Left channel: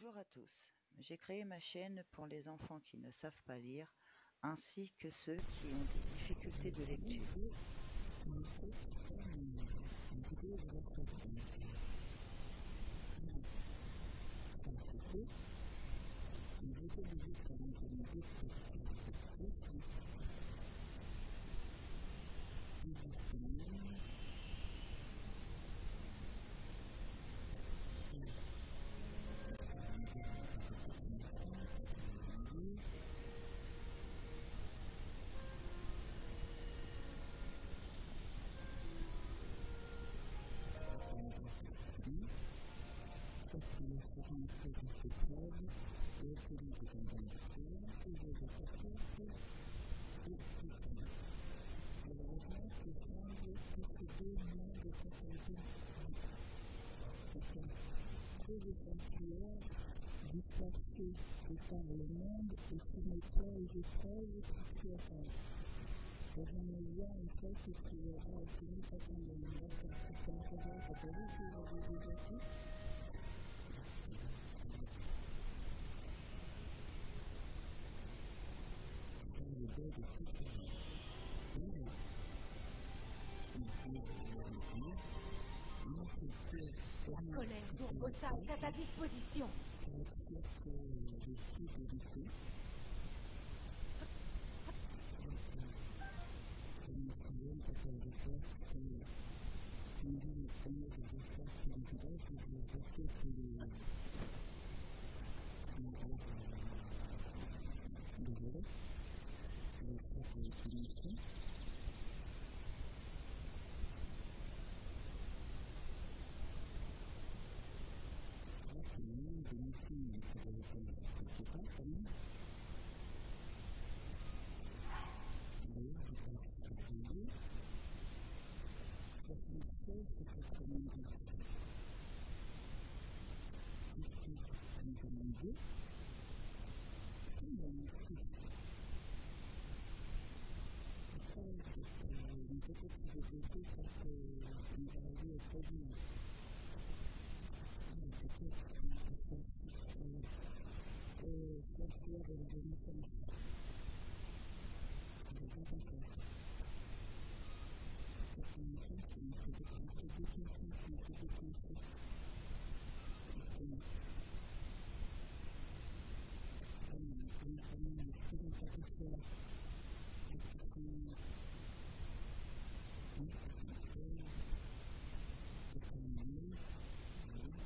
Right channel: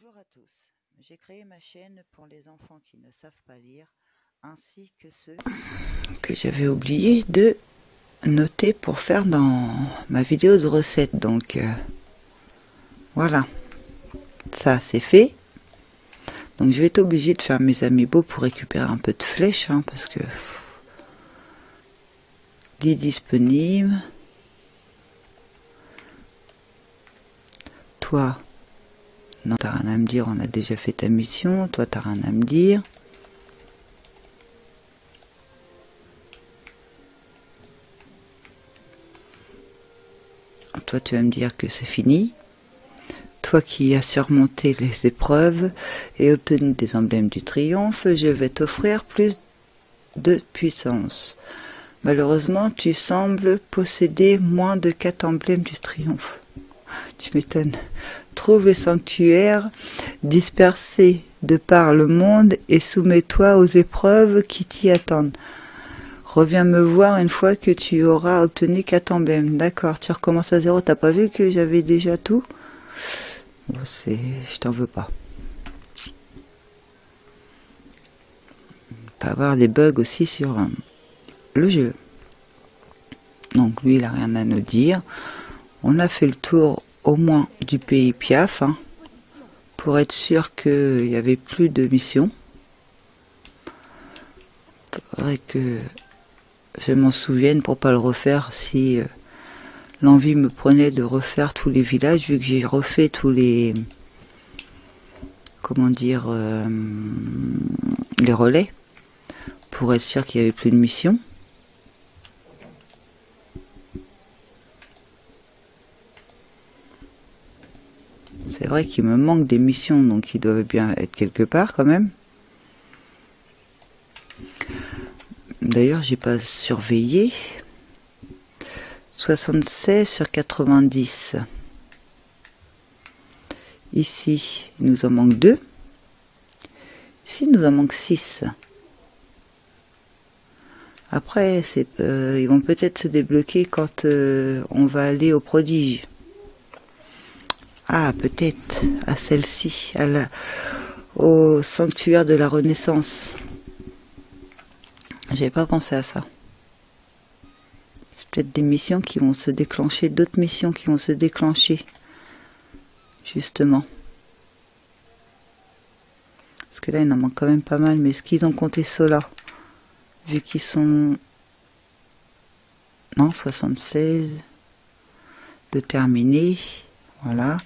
Bonjour à tous, j'ai créé ma chaîne pour les enfants qui ne savent pas lire, ainsi que ceux que j'avais oublié de noter pour faire dans ma vidéo de recette. Donc voilà, ça c'est fait. Donc je vais être obligée de faire mes amiibo pour récupérer un peu de flèches, hein, parce que il est disponible. Toi, non, t'as rien à me dire, on a déjà fait ta mission. Toi, t'as rien à me dire. Toi, tu vas me dire que c'est fini. Toi qui as surmonté les épreuves et obtenu des emblèmes du triomphe, je vais t'offrir plus de puissance. Malheureusement, tu sembles posséder moins de 4 emblèmes du triomphe. Tu m'étonnes. Trouve les sanctuaires dispersés de par le monde et soumets-toi aux épreuves qui t'y attendent. Reviens me voir une fois que tu auras obtenu 4 emblèmes. D'accord, tu recommences à zéro. T'as pas vu que j'avais déjà tout? Bon, je t'en veux pas. Il peut y avoir des bugs aussi sur le jeu. Donc lui, il n'a rien à nous dire. On a fait le tour au moins du pays Piaf, hein, pour être sûr qu'il n'y avait plus de missions. Il faudrait que je m'en souvienne pour pas le refaire si l'envie me prenait de refaire tous les villages, vu que j'ai refait tous les, comment dire, les relais, pour être sûr qu'il n'y avait plus de missions. C'est vrai qu'il me manque des missions, donc ils doivent bien être quelque part quand même. D'ailleurs, j'ai pas surveillé. 76 sur 90. Ici, il nous en manque 2. Ici, il nous en manque 6. Après, ils vont peut-être se débloquer quand on va aller au prodige. Ah, peut-être à celle-ci, au sanctuaire de la Renaissance. J'avais pas pensé à ça. C'est peut-être des missions qui vont se déclencher, d'autres missions qui vont se déclencher, justement. Parce que là, il en manque quand même pas mal, mais est-ce qu'ils ont compté cela? Vu qu'ils sont... Non, 76 de terminer. Voilà.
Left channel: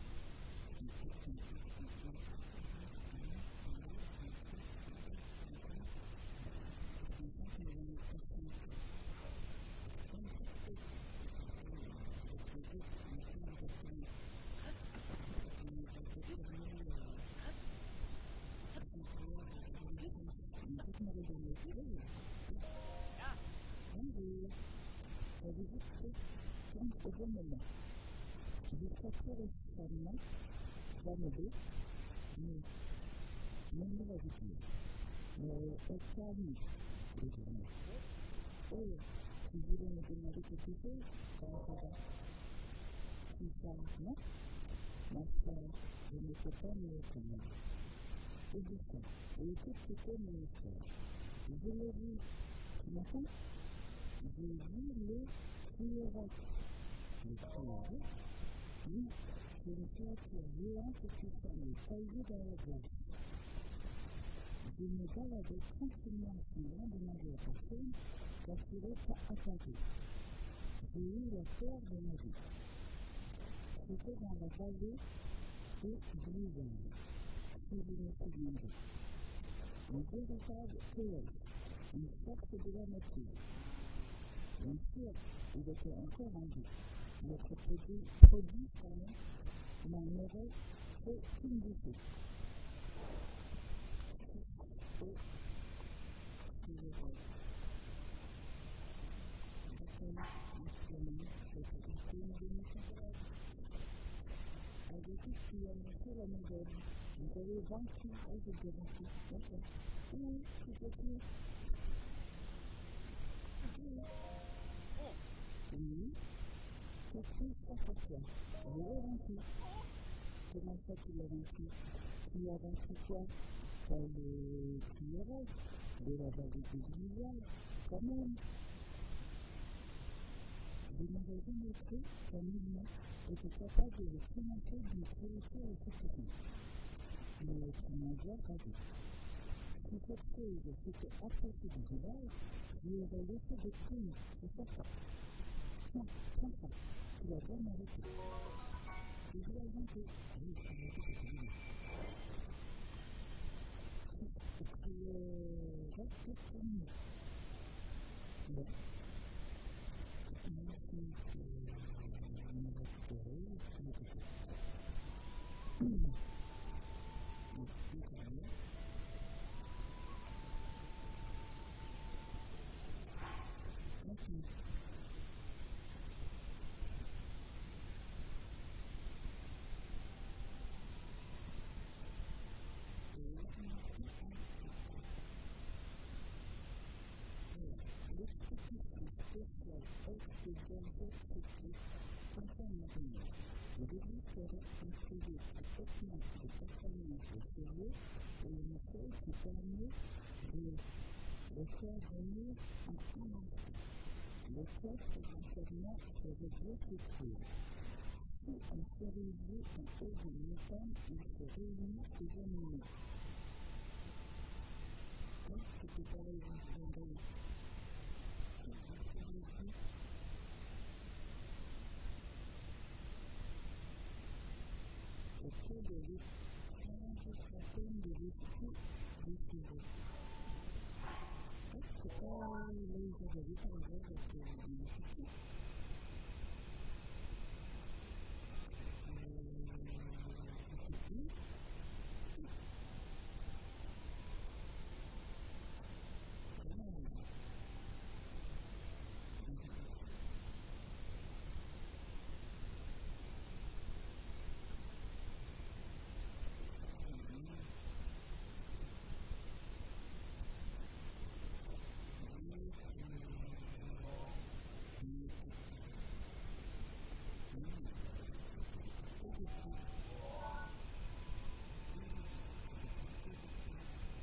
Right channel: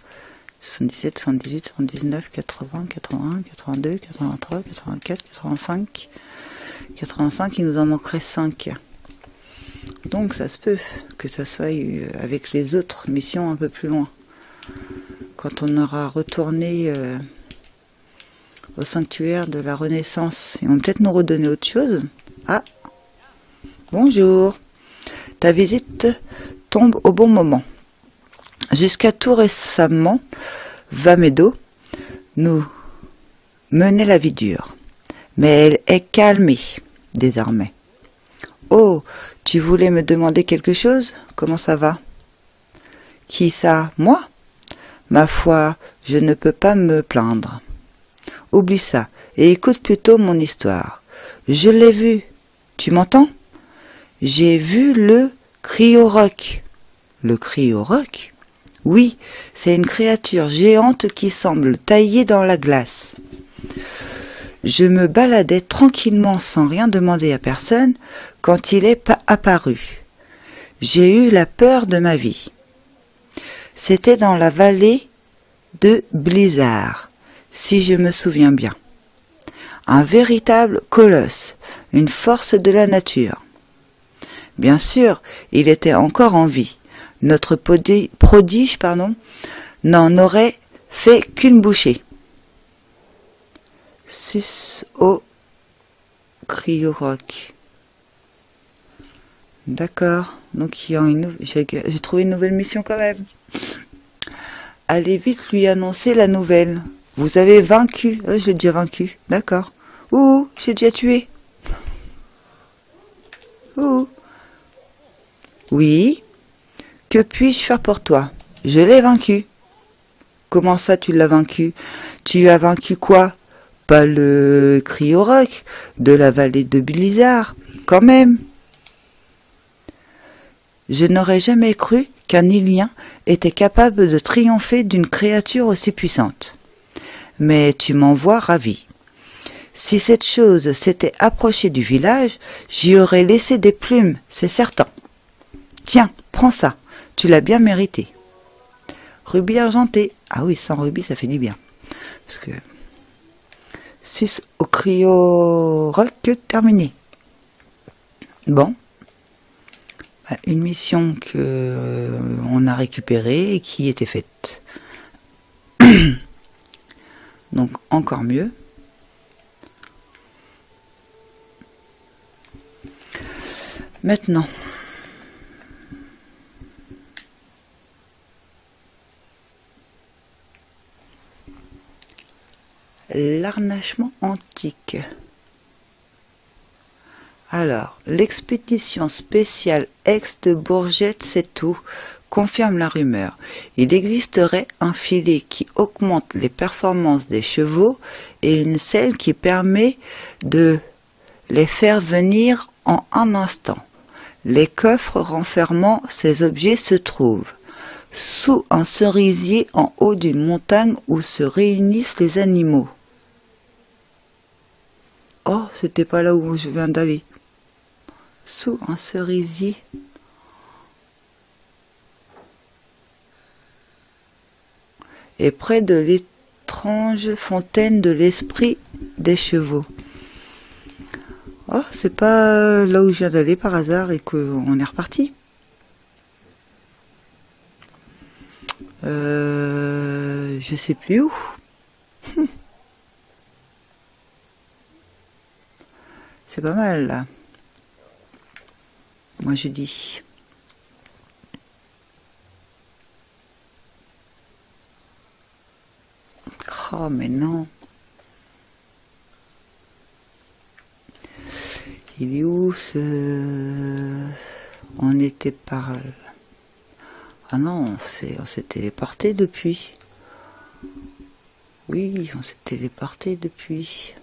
77, 78, 79, 80, 81, 82, 83, 84, 85. 85, il nous en manquerait 5. Donc ça se peut que ça soit avec les autres missions un peu plus loin. Quand on aura retourné au sanctuaire de la Renaissance. Ils vont peut-être nous redonner autre chose. Ah, bonjour. Ta visite tombe au bon moment. Jusqu'à tout récemment, Vamedo nous menait la vie dure. Mais elle est calmée désormais. Oh, tu voulais me demander quelque chose? Comment ça va? Qui ça? Moi? Ma foi, je ne peux pas me plaindre. Oublie ça et écoute plutôt mon histoire. Je l'ai vu. Tu m'entends? J'ai vu le Cryoroc. Le Cryoroc? Oui, c'est une créature géante qui semble taillée dans la glace. Je me baladais tranquillement sans rien demander à personne quand il est apparu. J'ai eu la peur de ma vie. C'était dans la vallée de Blizzard, si je me souviens bien. Un véritable colosse, une force de la nature. Bien sûr, il était encore en vie. Notre prodige, n'en aurait fait qu'une bouchée. Sus au Cryoroc. D'accord. Donc j'ai trouvé une nouvelle mission quand même. Allez vite lui annoncer la nouvelle. Vous avez vaincu. J'ai déjà vaincu. D'accord. Ouh, j'ai déjà tué. Ouh. Oui. Que puis-je faire pour toi? Je l'ai vaincu. Comment ça, tu l'as vaincu? Tu as vaincu quoi? Pas le Cryo-Roc de la vallée de Blizzard, quand même. Je n'aurais jamais cru qu'un Ilien était capable de triompher d'une créature aussi puissante. Mais tu m'en vois ravi. Si cette chose s'était approchée du village, j'y aurais laissé des plumes, c'est certain. Tiens, prends ça, tu l'as bien mérité. Rubis argenté. Ah oui, sans rubis, ça fait du bien. Parce que 6 au Cryo-Roc terminé. Bon. Une mission que on a récupérée et qui était faite. Donc encore mieux. Maintenant, l'arnachement antique. Alors, l'expédition spéciale Aix de Bourgette, c'est tout, confirme la rumeur. Il existerait un filet qui augmente les performances des chevaux et une selle qui permet de les faire venir en un instant. Les coffres renfermant ces objets se trouvent sous un cerisier en haut d'une montagne où se réunissent les animaux. Oh, c'était pas là où je viens d'aller. Sous un cerisier. Et près de l'étrange fontaine de l'esprit des chevaux. Oh, c'est pas là où je viens d'aller par hasard et qu'on est reparti. Je sais plus où. C'est pas mal là. Moi je dis. Oh mais non. Il est où ce... On était par... Ah non, on s'est téléporté depuis. Oui, on s'est téléporté depuis.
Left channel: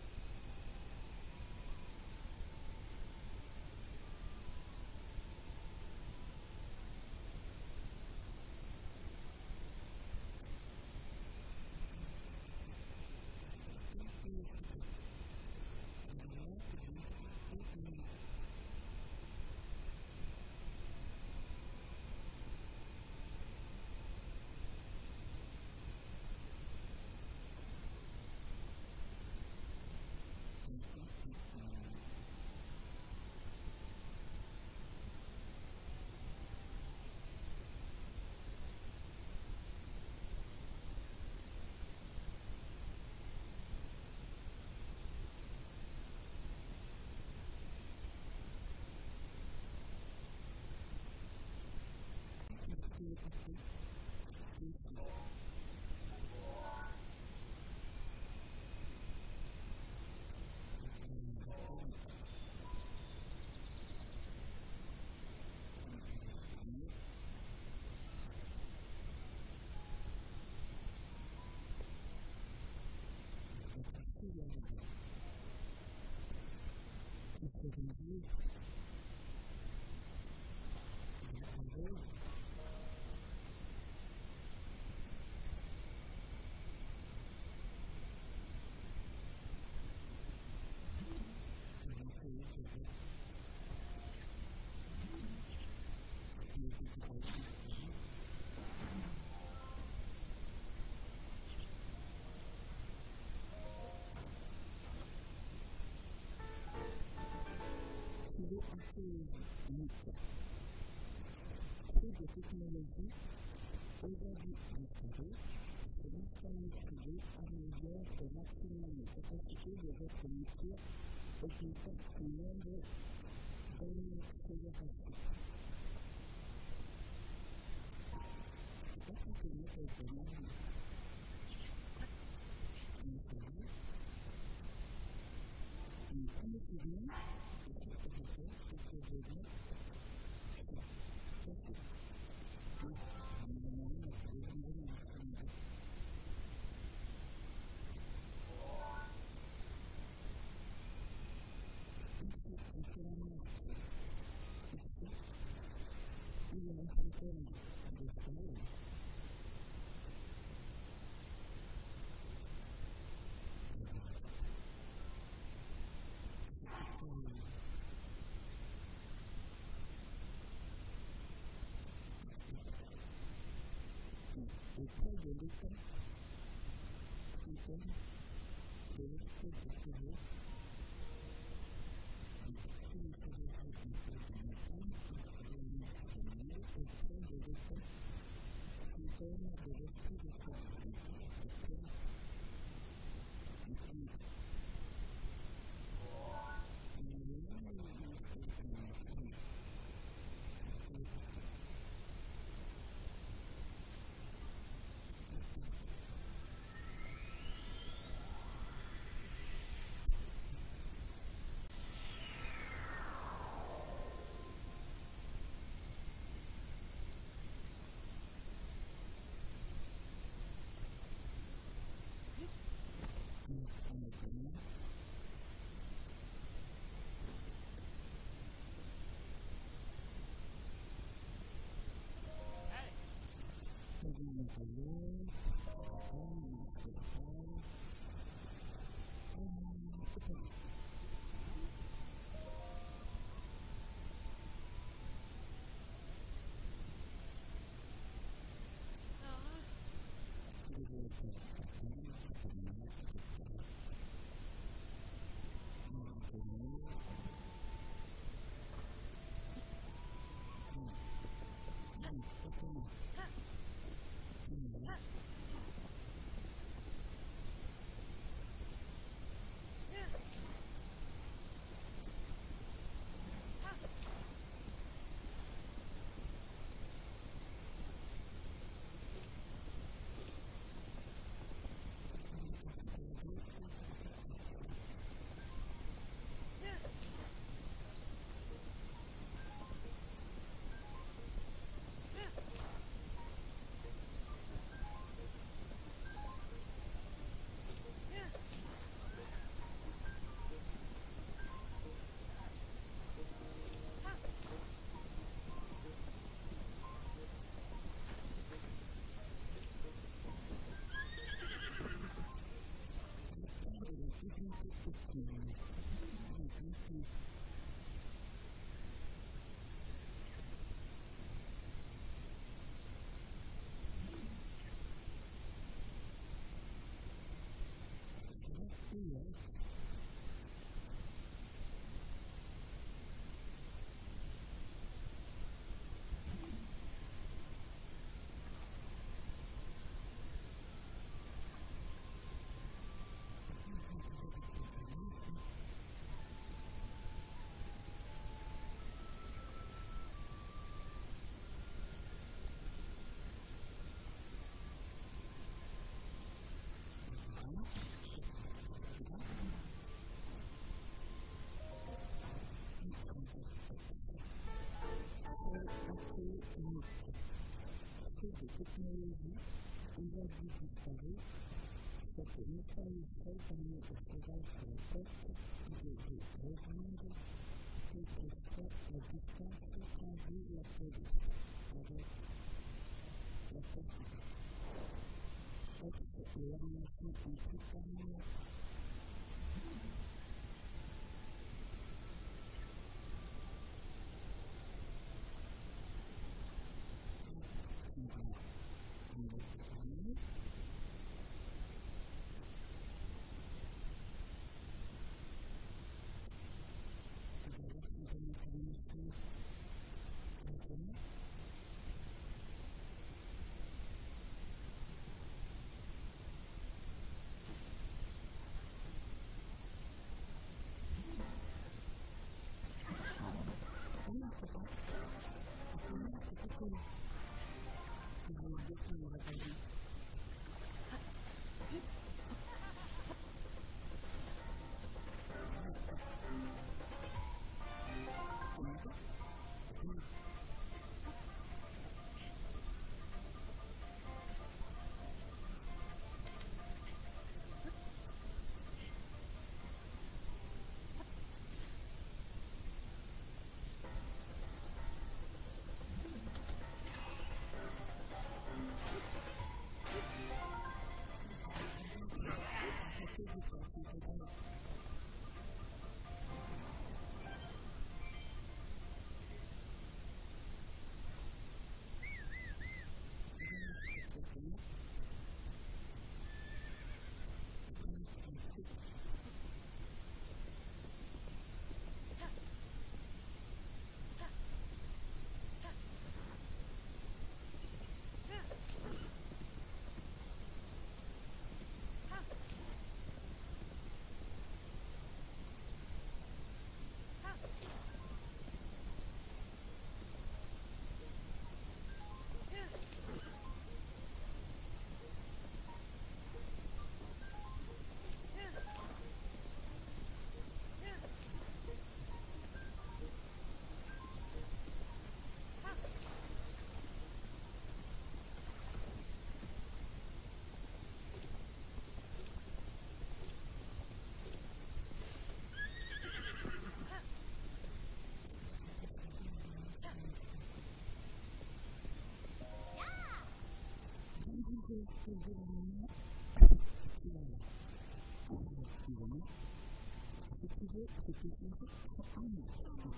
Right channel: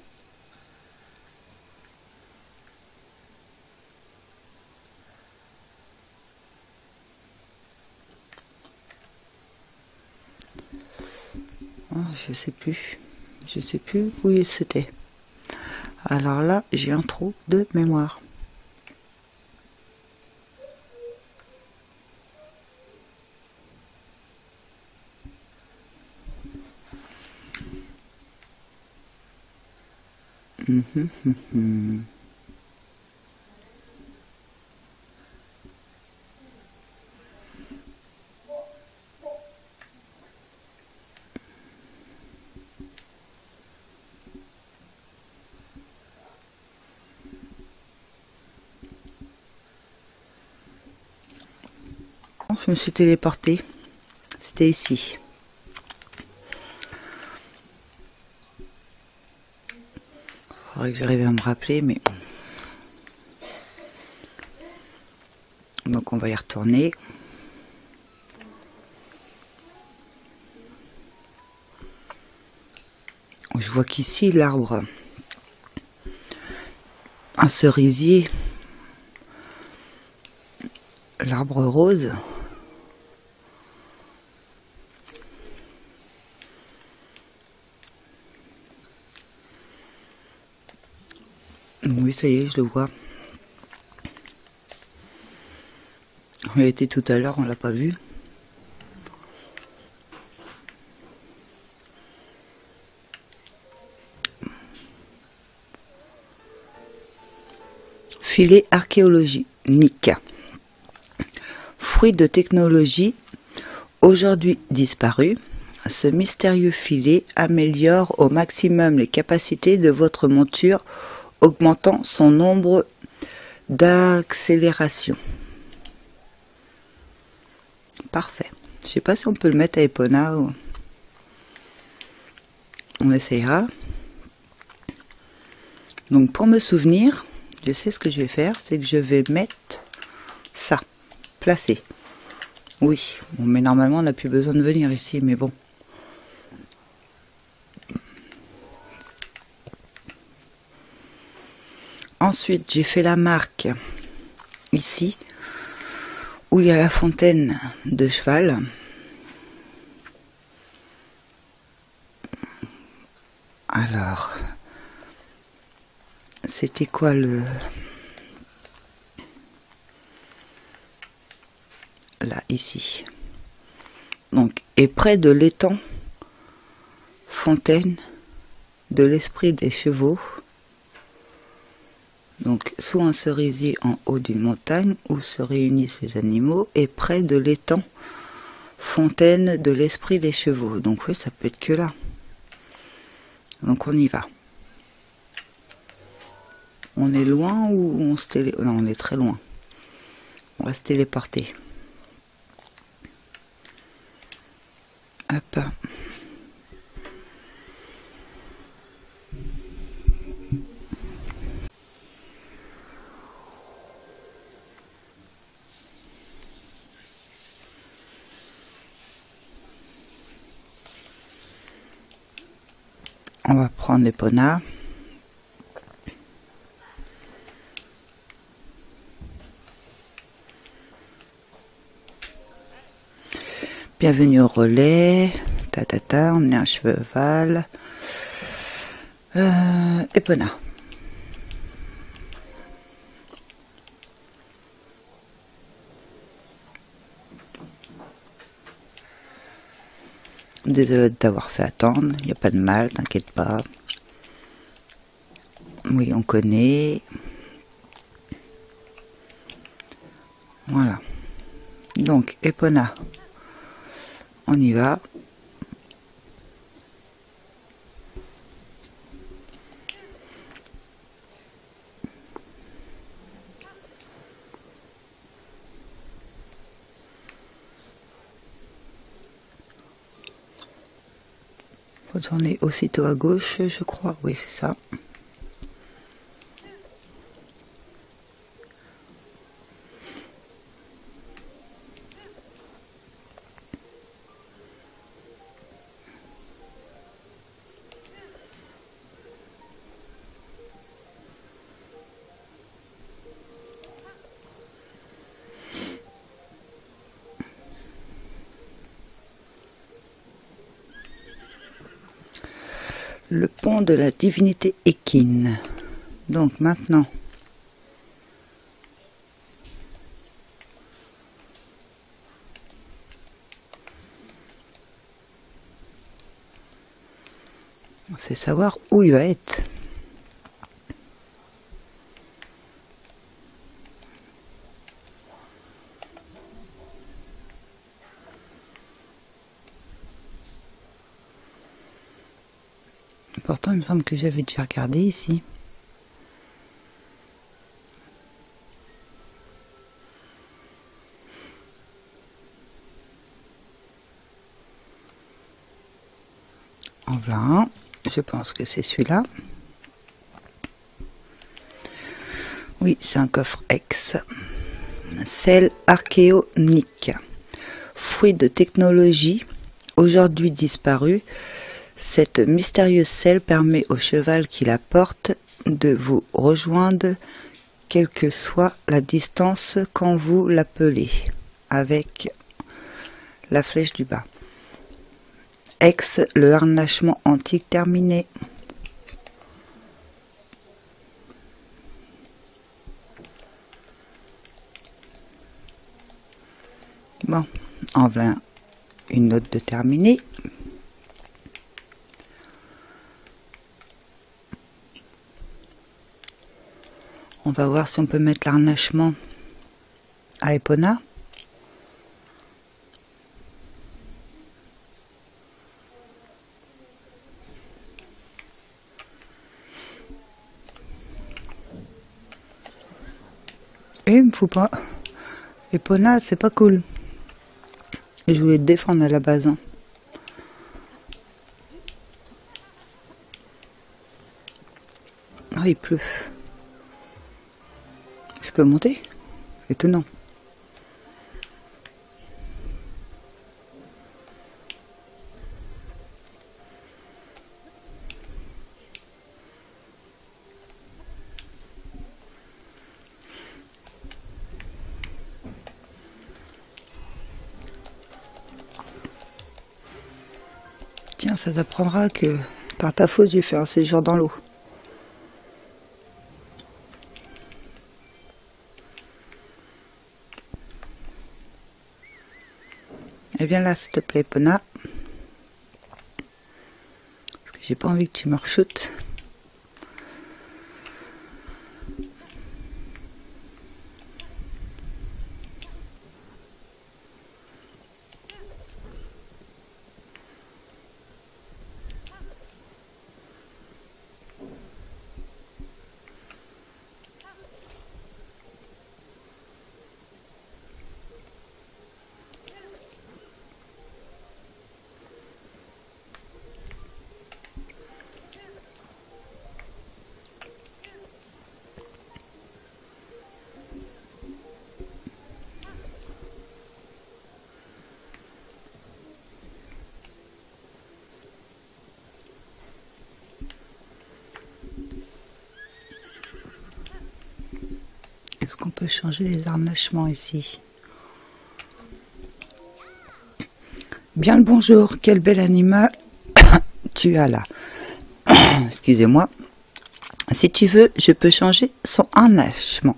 Oh, je sais plus. Je sais plus où c'était. Alors là, j'ai un trou de mémoire. Je me suis téléportée. C'était ici. Il faudrait que j'arrive à me rappeler, mais... Donc on va y retourner. Je vois qu'ici l'arbre, un cerisier, l'arbre rose. Oui, ça y est, je le vois. On y a été tout à l'heure, on l'a pas vu. Filet archéologique. Fruit de technologie, aujourd'hui disparu, ce mystérieux filet améliore au maximum les capacités de votre monture, augmentant son nombre d'accélération. Parfait. Je sais pas si on peut le mettre à Epona ou... On essayera. Donc pour me souvenir, je sais ce que je vais faire, c'est que je vais mettre ça, placer. Oui, bon, mais normalement on n'a plus besoin de venir ici, mais bon. Ensuite, j'ai fait la marque ici, où il y a la fontaine de cheval. Alors, c'était quoi le... Là, ici. Donc, et près de l'étang, fontaine de l'esprit des chevaux. Donc, sous un cerisier en haut d'une montagne où se réunissent ces animaux, et près de l'étang, fontaine de l'esprit des chevaux. Donc, oui, ça peut être que là. Donc, on y va. On est loin ou on se télé... Non, on est très loin. On va se téléporter. Hop. On va prendre Epona. Bienvenue au relais. Emmener un cheval. Epona. Désolé de t'avoir fait attendre. Il n'y a pas de mal, t'inquiète pas. Oui, on connaît. Voilà. Donc, Epona. On y va. Faut tourner aussitôt à gauche, je crois. Oui, c'est ça. Le pont de la divinité équine. Donc maintenant, c'est savoir où il va être. Pourtant, il me semble que j'avais déjà regardé ici. En voilà un. Je pense que c'est celui-là. Oui, c'est un coffre X. Selle archéonique. Fruit de technologie, aujourd'hui disparue, cette mystérieuse selle permet au cheval qui la porte de vous rejoindre quelle que soit la distance quand vous l'appelez, avec la flèche du bas. Ex, le harnachement antique terminé. Bon, en voilà une note de terminé. On va voir si on peut mettre l'harnachement à Epona. Et il me faut pas. Epona, c'est pas cool. Je voulais te défendre à la base. Hein. Oh, il pleut. Je peux monter? Étonnant. Tiens, ça t'apprendra que par ta faute, j'ai fait un séjour dans l'eau. Et viens là, s'il te plaît, Pona. Parce que j'ai pas envie que tu me rechutes. Est-ce qu'on peut changer les harnachements ici? Bien le bonjour, quel bel animal tu as là. Excusez-moi. Si tu veux, je peux changer son harnachement.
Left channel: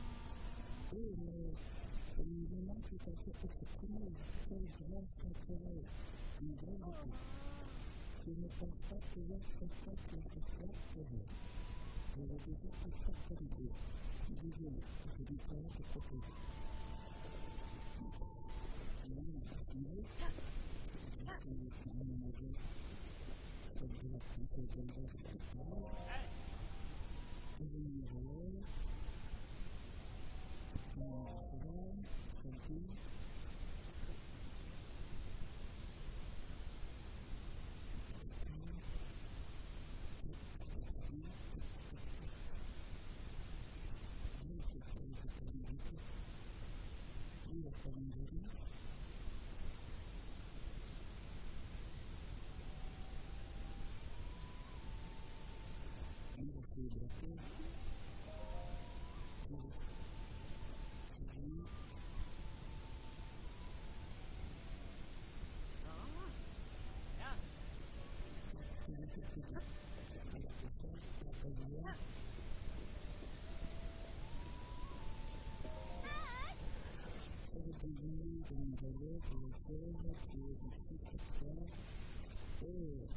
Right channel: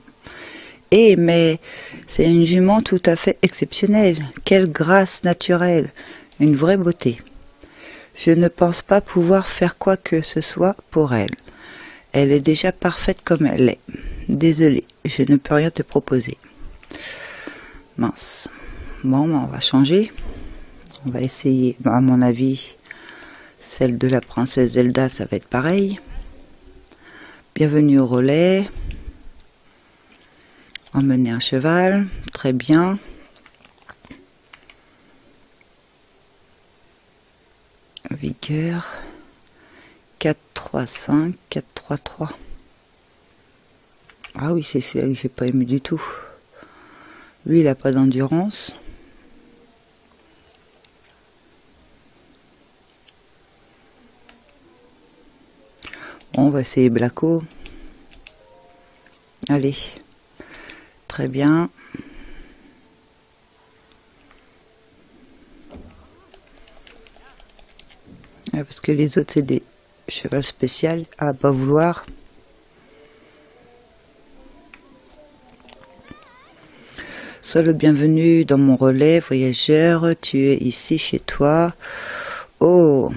Eh, mais c'est une jument tout à fait exceptionnelle. Quelle grâce naturelle, une vraie beauté. Je ne pense pas pouvoir faire quoi que ce soit pour elle. Elle est déjà parfaite comme elle est. Désolée, je ne peux rien te proposer. Mince. Bon, on va changer. On va essayer, à mon avis, celle de la princesse Zelda, ça va être pareil. Bienvenue au relais. Emmener un cheval, très bien. Vigueur. 4, 3, 5, 4, 3, 3. Ah oui, c'est celui-là que j'ai pas aimé du tout. Lui, il n'a pas d'endurance. Bon, on va essayer Blacko. Allez. Très bien. Parce que les autres, c'est des chevaux spéciaux à pas vouloir. Sois le bienvenu dans mon relais, voyageur. Tu es ici chez toi. Oh!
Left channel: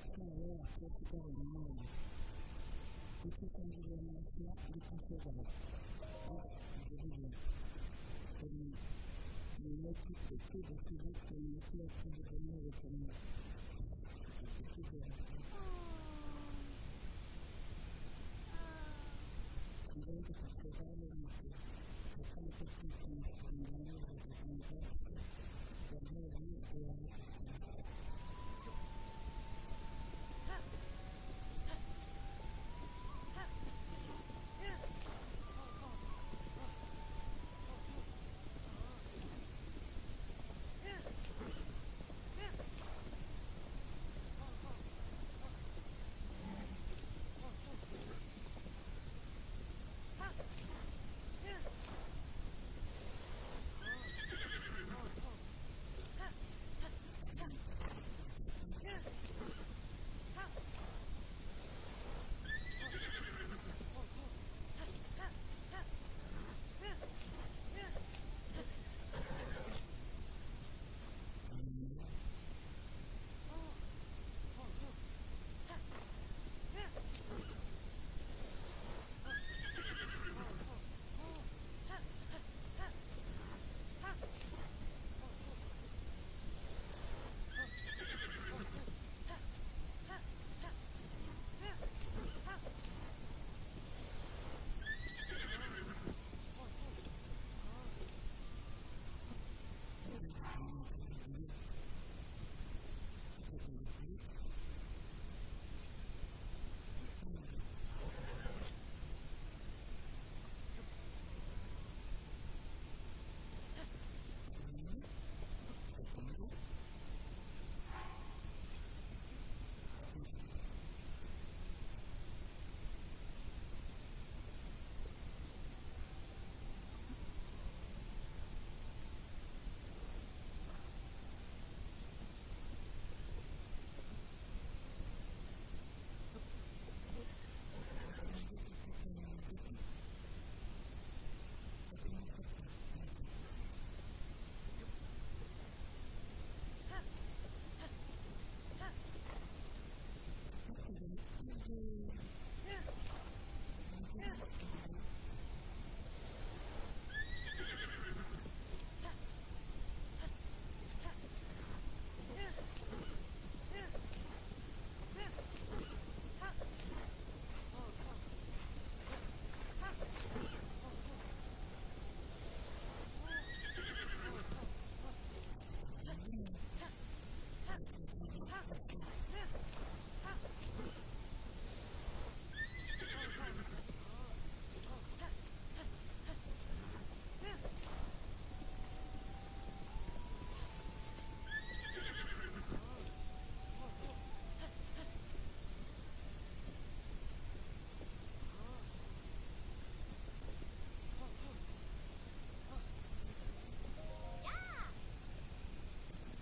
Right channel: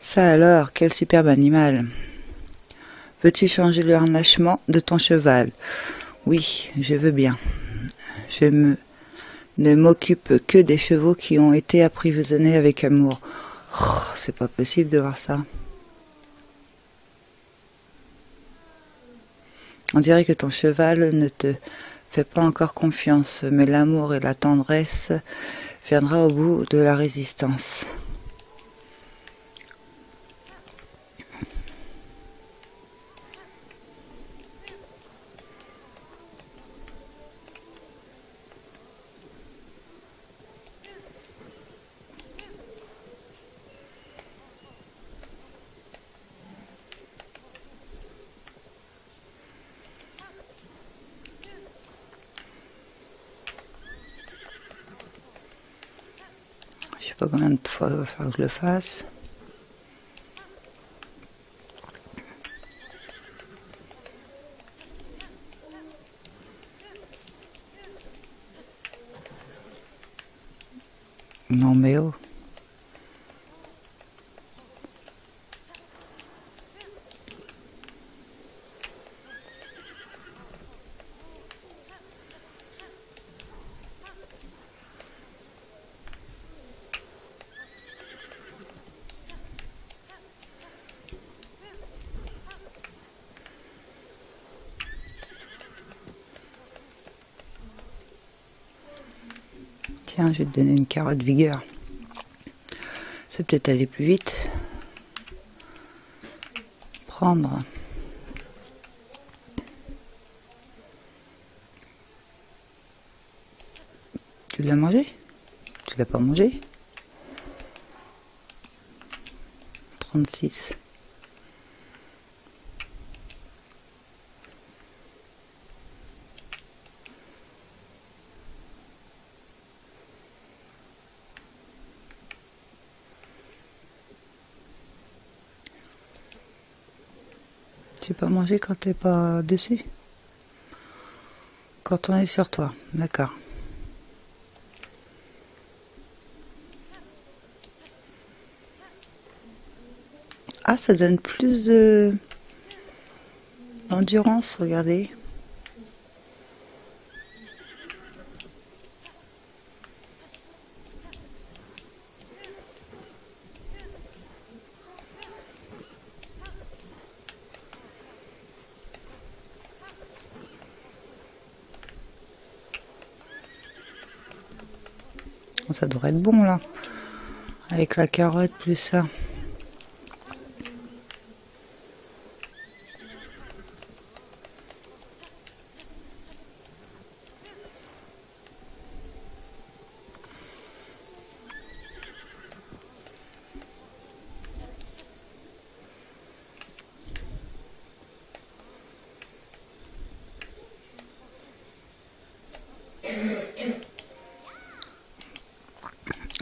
Ça alors, quel superbe animal. Veux-tu changer le harnachement de ton cheval? Oui, je veux bien. Ne m'occupe que des chevaux qui ont été apprivoisonnés avec amour. Oh, c'est pas possible de voir ça. On dirait que ton cheval ne te fait pas encore confiance, mais l'amour et la tendresse viendra au bout de la résistance. Je sais pas combien de fois il va falloir que je le fasse. Non mais oh. Tiens, je vais te donner une carotte vigueur. Ça peut peut-être aller plus vite. Prendre. Tu l'as mangé? Tu l'as pas mangé? 36. Tu peux manger quand t'es pas dessus? Quand on est sur toi, d'accord. Ah, ça donne plus d'endurance, regardez. Ça devrait être bon là, avec la carotte plus ça.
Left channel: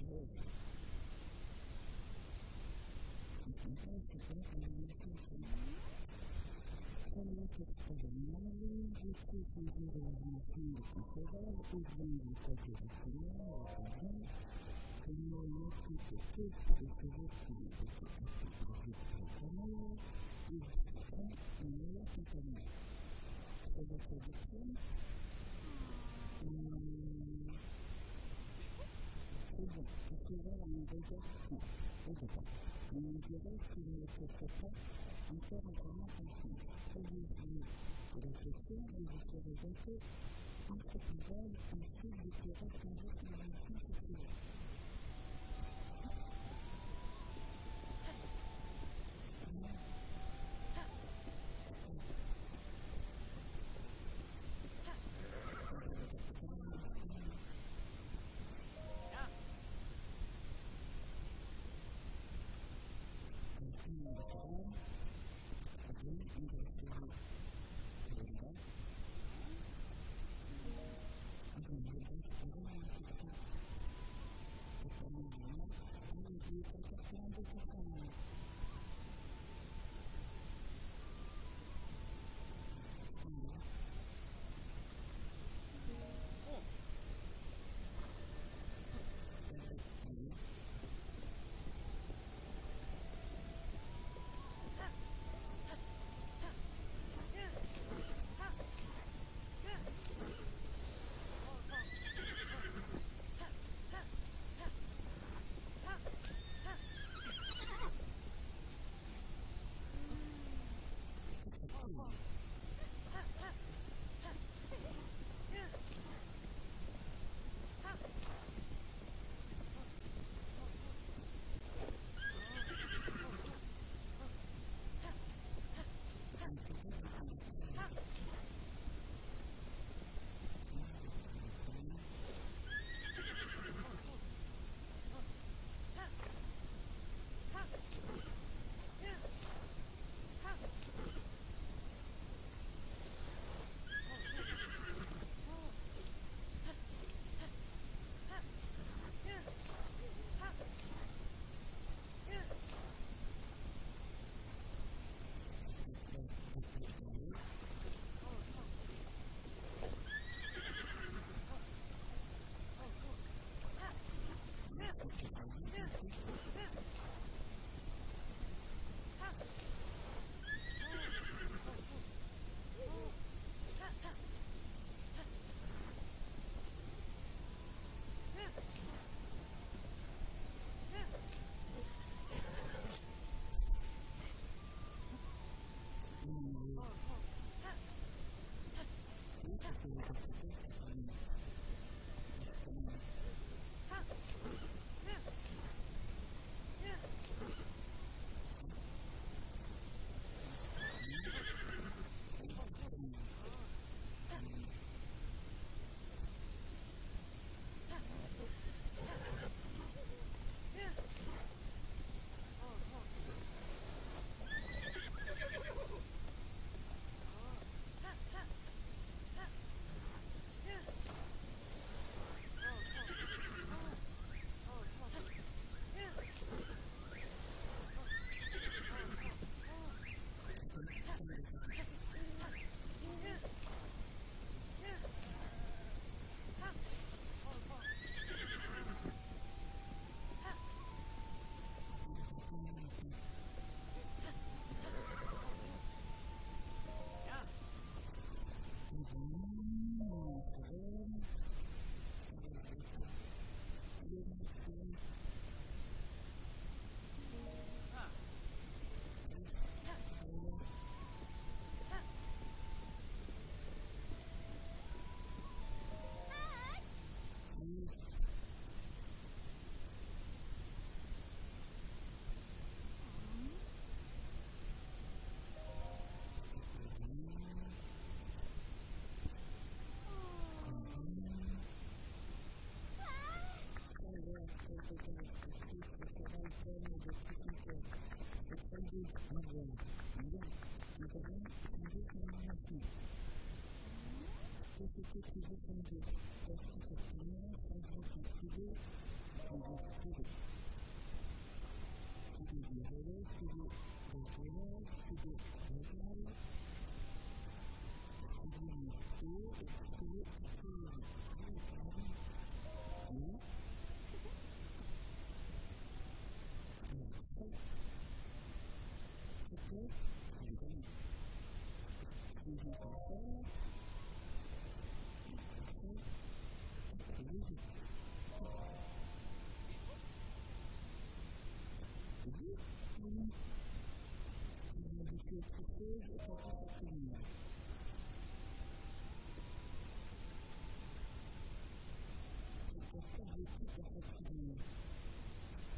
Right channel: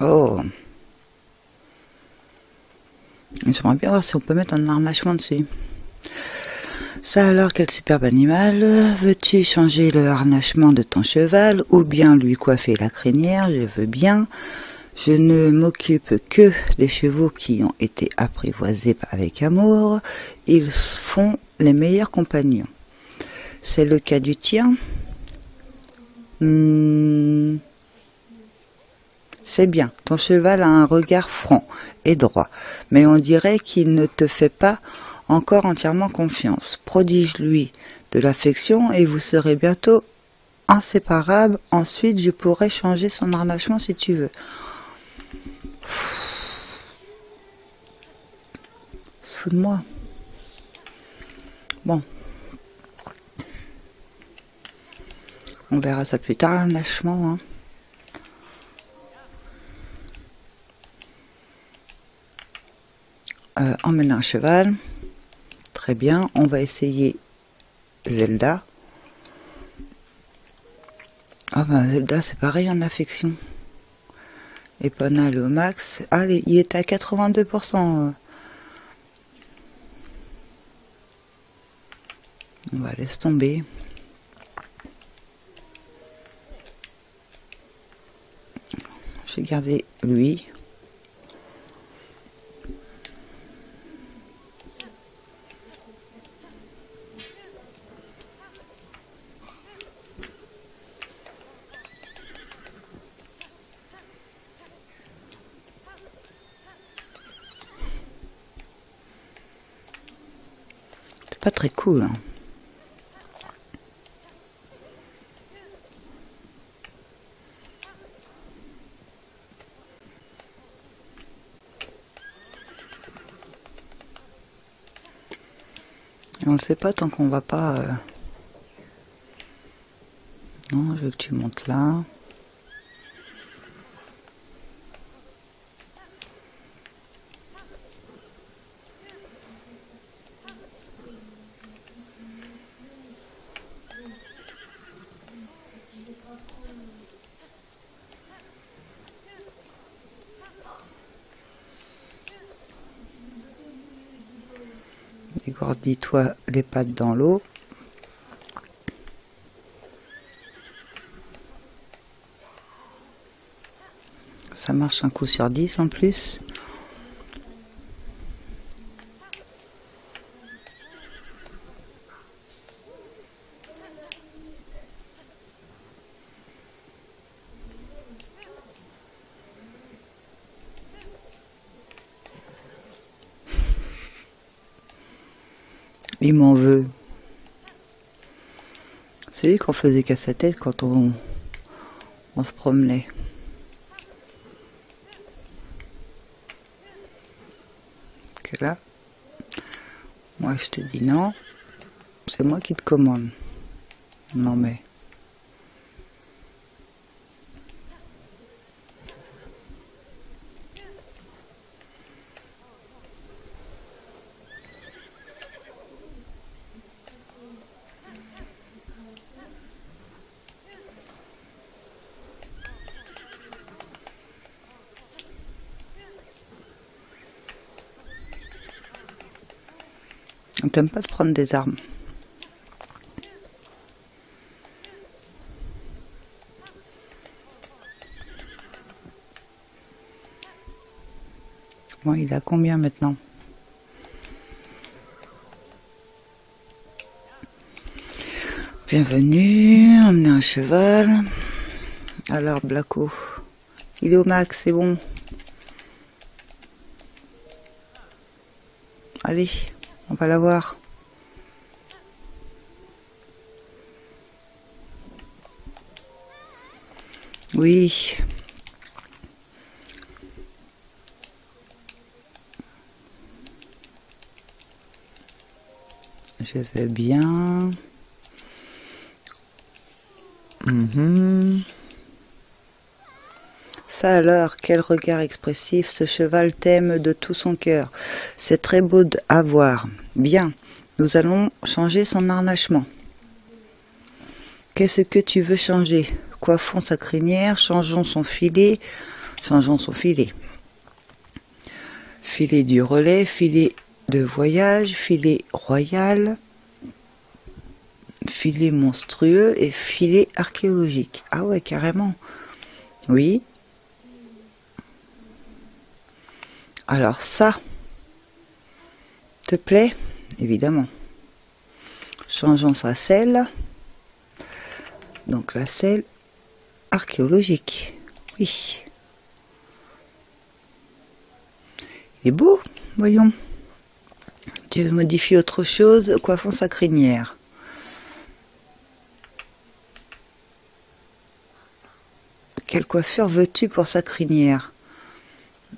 Oh, j'aimerais bien voir si on peut mettre un harnachement dessus. Ça alors, quel superbe animal. Veux-tu changer le harnachement de ton cheval ou bien lui coiffer la crinière? Je veux bien. Je ne m'occupe que des chevaux qui ont été apprivoisés avec amour. Ils font les meilleurs compagnons. C'est le cas du tien? C'est bien, ton cheval a un regard franc et droit, mais on dirait qu'il ne te fait pas encore entièrement confiance. Prodige-lui de l'affection et vous serez bientôt inséparables. Ensuite, je pourrai changer son harnachement si tu veux. Soude-moi. Bon. On verra ça plus tard, l'harnachement. Emmener un cheval. Très bien. On va essayer Zelda. Ah ben Zelda, c'est pareil en affection. Epona, le max. Allez, il est à 82%. On va laisser tomber. Je vais garder lui. C'est pas très cool. Et on le sait pas tant qu'on va pas... Non, je veux que tu montes là. Dégourdis-toi les pattes dans l'eau. Ça marche un coup sur 10 en plus. Il m'en veut. C'est lui qu'on faisait qu'à sa tête quand on se promenait. Que là, moi je te dis non, c'est moi qui te commande. Non mais... On t'aime pas de prendre des armes. Bon, il a combien maintenant? Bienvenue, emmener un cheval. Alors, Blacko, il est au max, c'est bon. Allez, on va l'avoir. Oui. Je vais bien. Ça alors, quel regard expressif, ce cheval t'aime de tout son cœur. C'est très beau à voir. Bien, nous allons changer son harnachement. Qu'est-ce que tu veux changer? Coiffons sa crinière, changeons son filet. Changeons son filet. Filet du relais, filet de voyage, filet royal, filet monstrueux et filet archéologique. Ah ouais, carrément. Oui. Alors ça, te plaît? Évidemment. Changeons sa selle. Donc la selle archéologique. Oui. Il est beau, voyons. Tu veux modifier autre chose? Coiffons sa crinière. Quelle coiffure veux-tu pour sa crinière?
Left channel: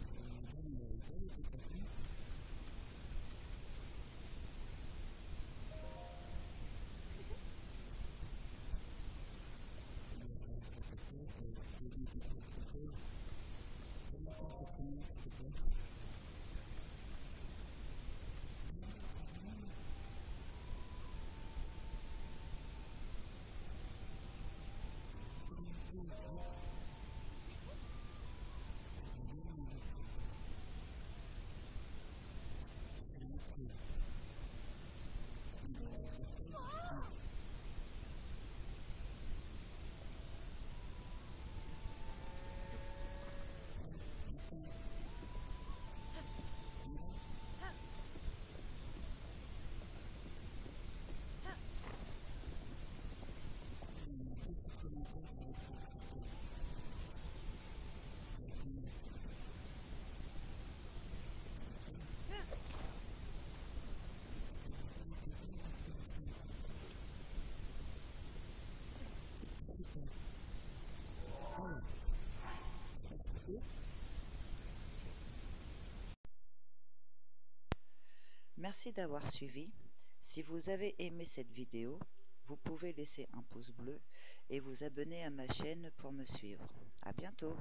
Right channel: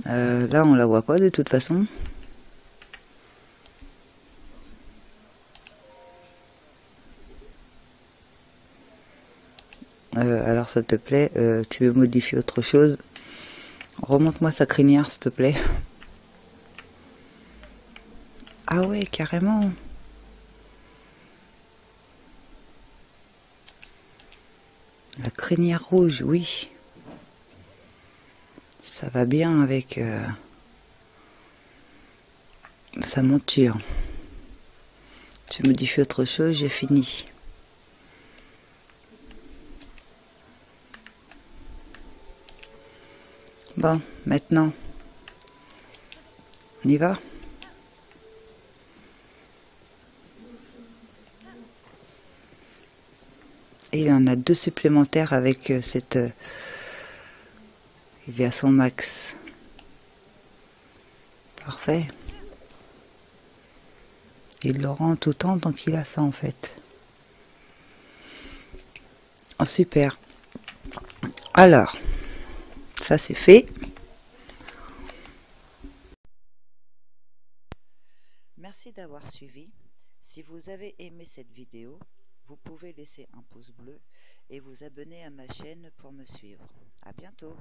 Là, on la voit pas de toute façon. Alors, ça te plaît, tu veux modifier autre chose? Remonte-moi sa crinière, s'il te plaît. Ah ouais, carrément. La crinière rouge, oui. Ça va bien avec sa monture. Tu modifies autre chose, j'ai fini. Bon, maintenant, on y va? Et il en a 2 supplémentaires avec cette... il est à son max. Parfait. Il le rend tout le temps tant qu'il a ça en fait. Oh, super. Alors, ça c'est fait. Merci d'avoir suivi. Si vous avez aimé cette vidéo, vous pouvez laisser un pouce bleu et vous abonner à ma chaîne pour me suivre. À bientôt.